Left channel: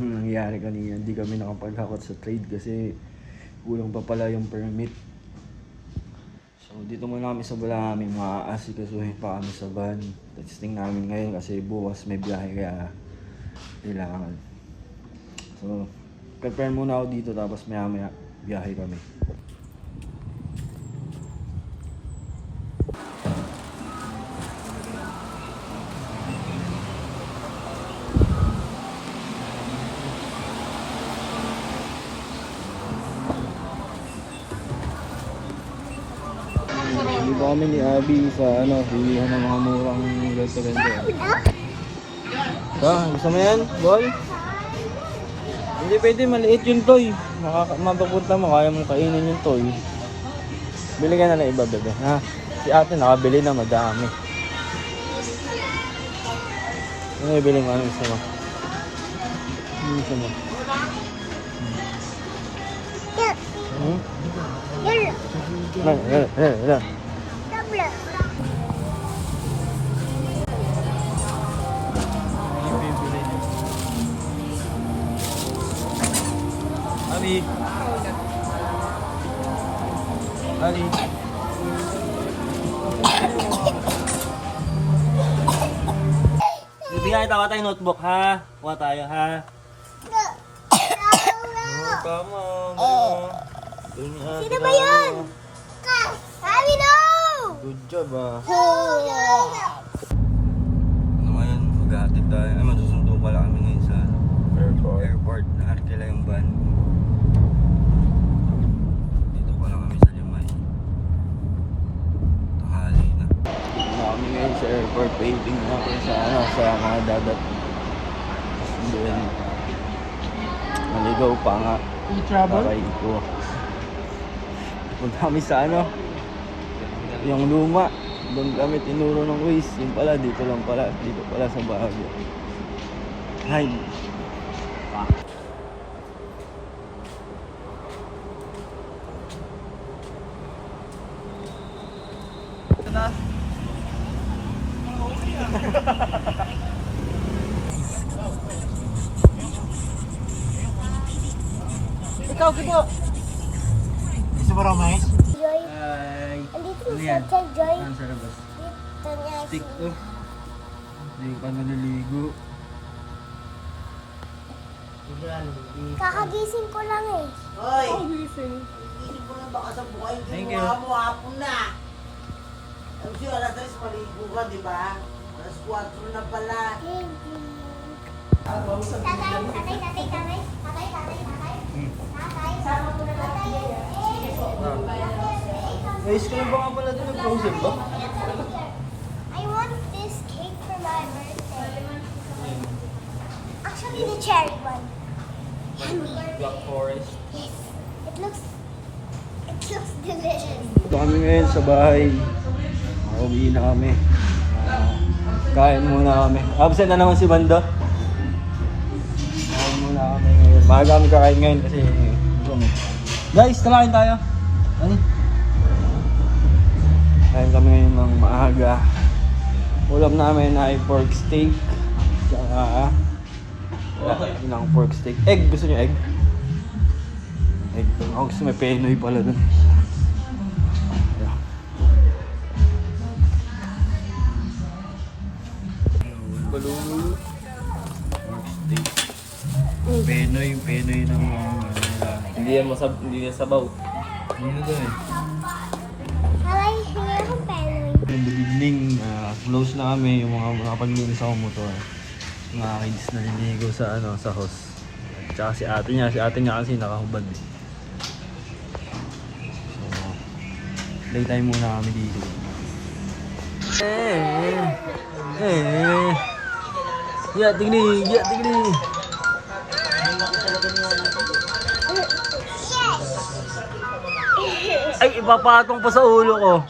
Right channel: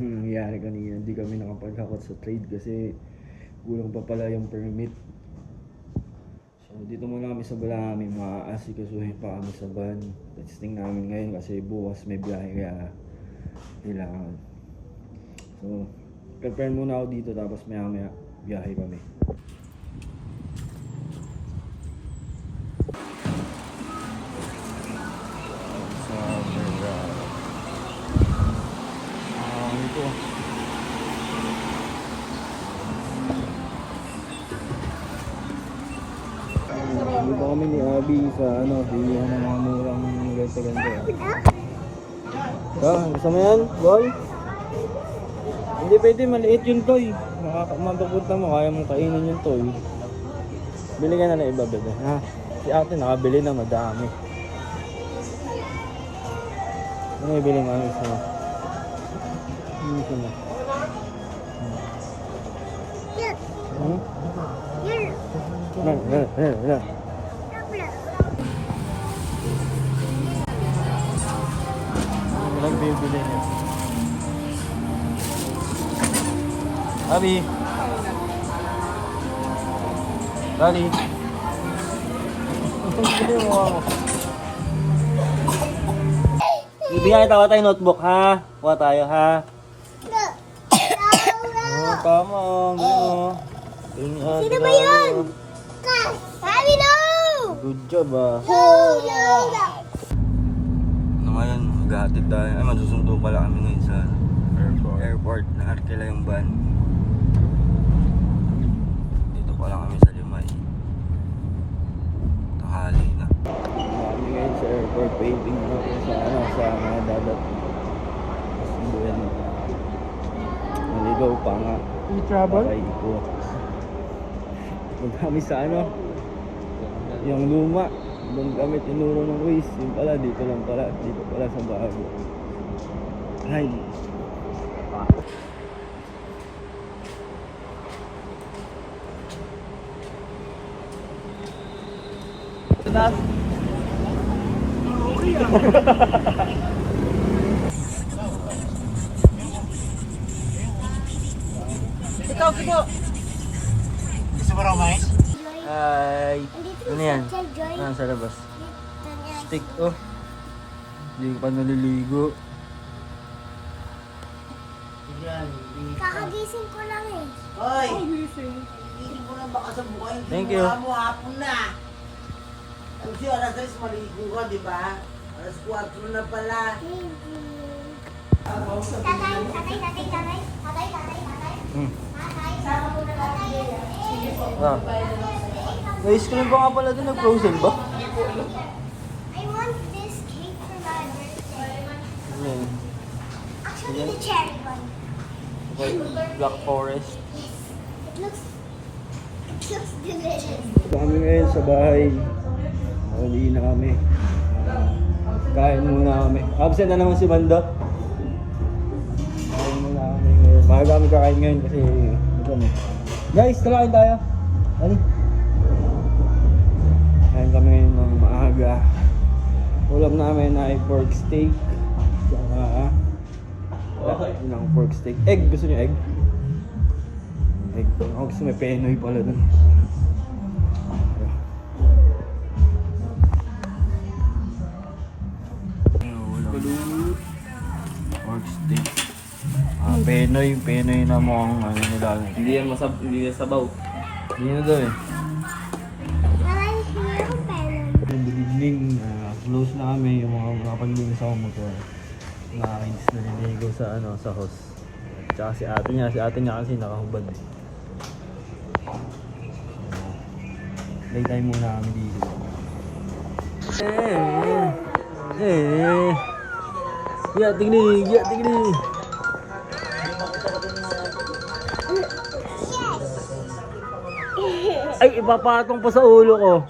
nangyari kanina, hindi kami nakapag-hakot sa trade kasi kulang pa pala yung permit. So dito muna kami sa Balami, maasikasuhin pa kami sa van. Testing namin ngayon kasi bukas may biyahe kaya kailangan. So prepare muna ako dito tapos maya biyahe kami. Dito kami ni Abby sa bilihan ng mga murang ganto-ganto. Ba, gusto mo yan, boy? Hindi pwede, maliit yung toy. Mapapunta mo, kaya mong kainin yung toy. Bili ka na ng iba, bebe, ha? Si ate nakabili na madami. Ano ibili mo? Ano gusto mo? Ano gusto mo? Abi. Dali. Bibigyan kita tayo notebook ha. Kuha tayo ha. Tama. Sino ba yun? Sabi no! Good job Ngayon, maghahatid tayo. Ay, masusundo pala kami ngayon sa airport. Na-arkila yung van. Dito pala kami sa Limay. Tanghali na. Dito kami ngayon sa airport. Waiting na ako sa mga dadat. Doon. Naligaw pa nga. E-travel? Ko. Punta kami sa yung luma. Doon kami tinuro ng Waze. Yung pala, dito lang pala. Dito pala sa bago. Hi. Joy. Hi. Andito Ano si yan? Sir Joy. Sa labas. Dito niya. Stick Hindi pa naliligo. Kakagising ko lang eh. Hoy! Hindi mo nang baka sa buhay. Thank you. Mo hapon na. Kasi alas 3 maligo ka, di ba? Alas 4 na pala. Tatay. Sama ko na lang. May ice cream ba nga pala din? Nag-frozen ba? I want this cake for my birthday. Actually, the cherry one. Black Forest. Yes. It looks delicious. Kami ngayon sa bahay. Uwi na kami. Kain muna kami. Absent na naman si Banda. Kain muna kami ngayon. Maaga kami kakain ngayon kasi guys, tamakin tayo. Dali. Kain kami ngayon ng maaga. Ulam namin ay pork steak. Tsaka wala, yun ang pork steak. Egg, gusto niyo egg? Egg. Ako gusto may penoy pala dun. Pork steak. Penoy na mga nila. Hindi yan sabaw. Hindi na daw eh. Nanay, hingi akong penny. Good evening, close na kami yung mga nakapaglinis ako motor. Mga kids na liligo sa sa house. Tsaka si ate niya kasi nakahubad. So, playtime muna kami dito. Ya, tingni. Ay, ipapatong pa sa ulo ko.